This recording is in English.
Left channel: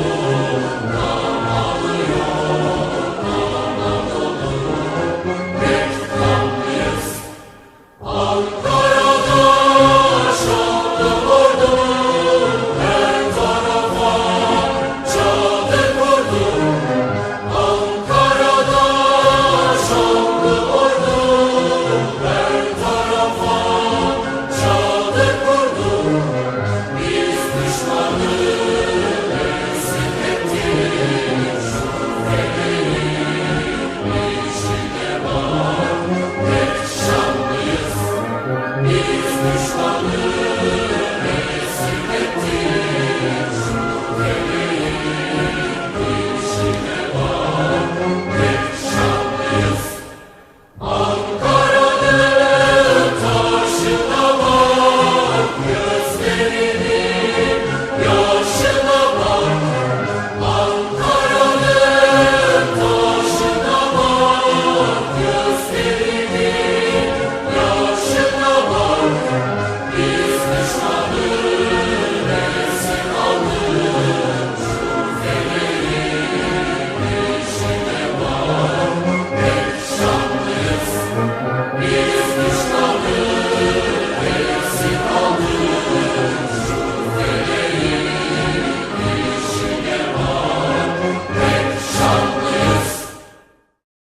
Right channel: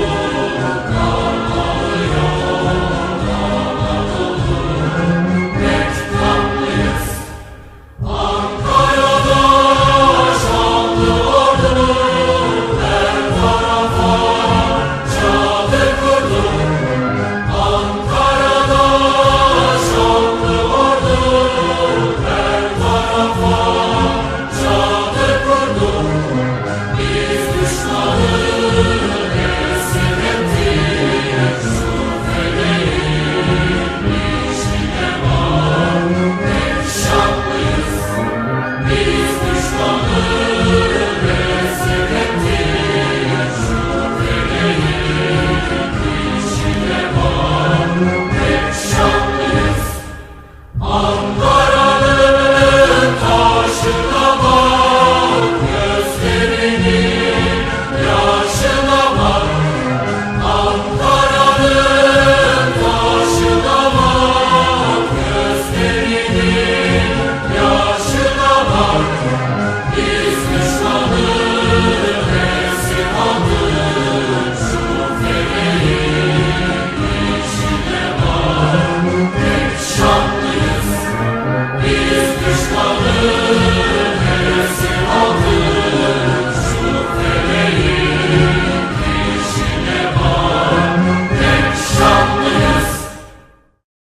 Lord.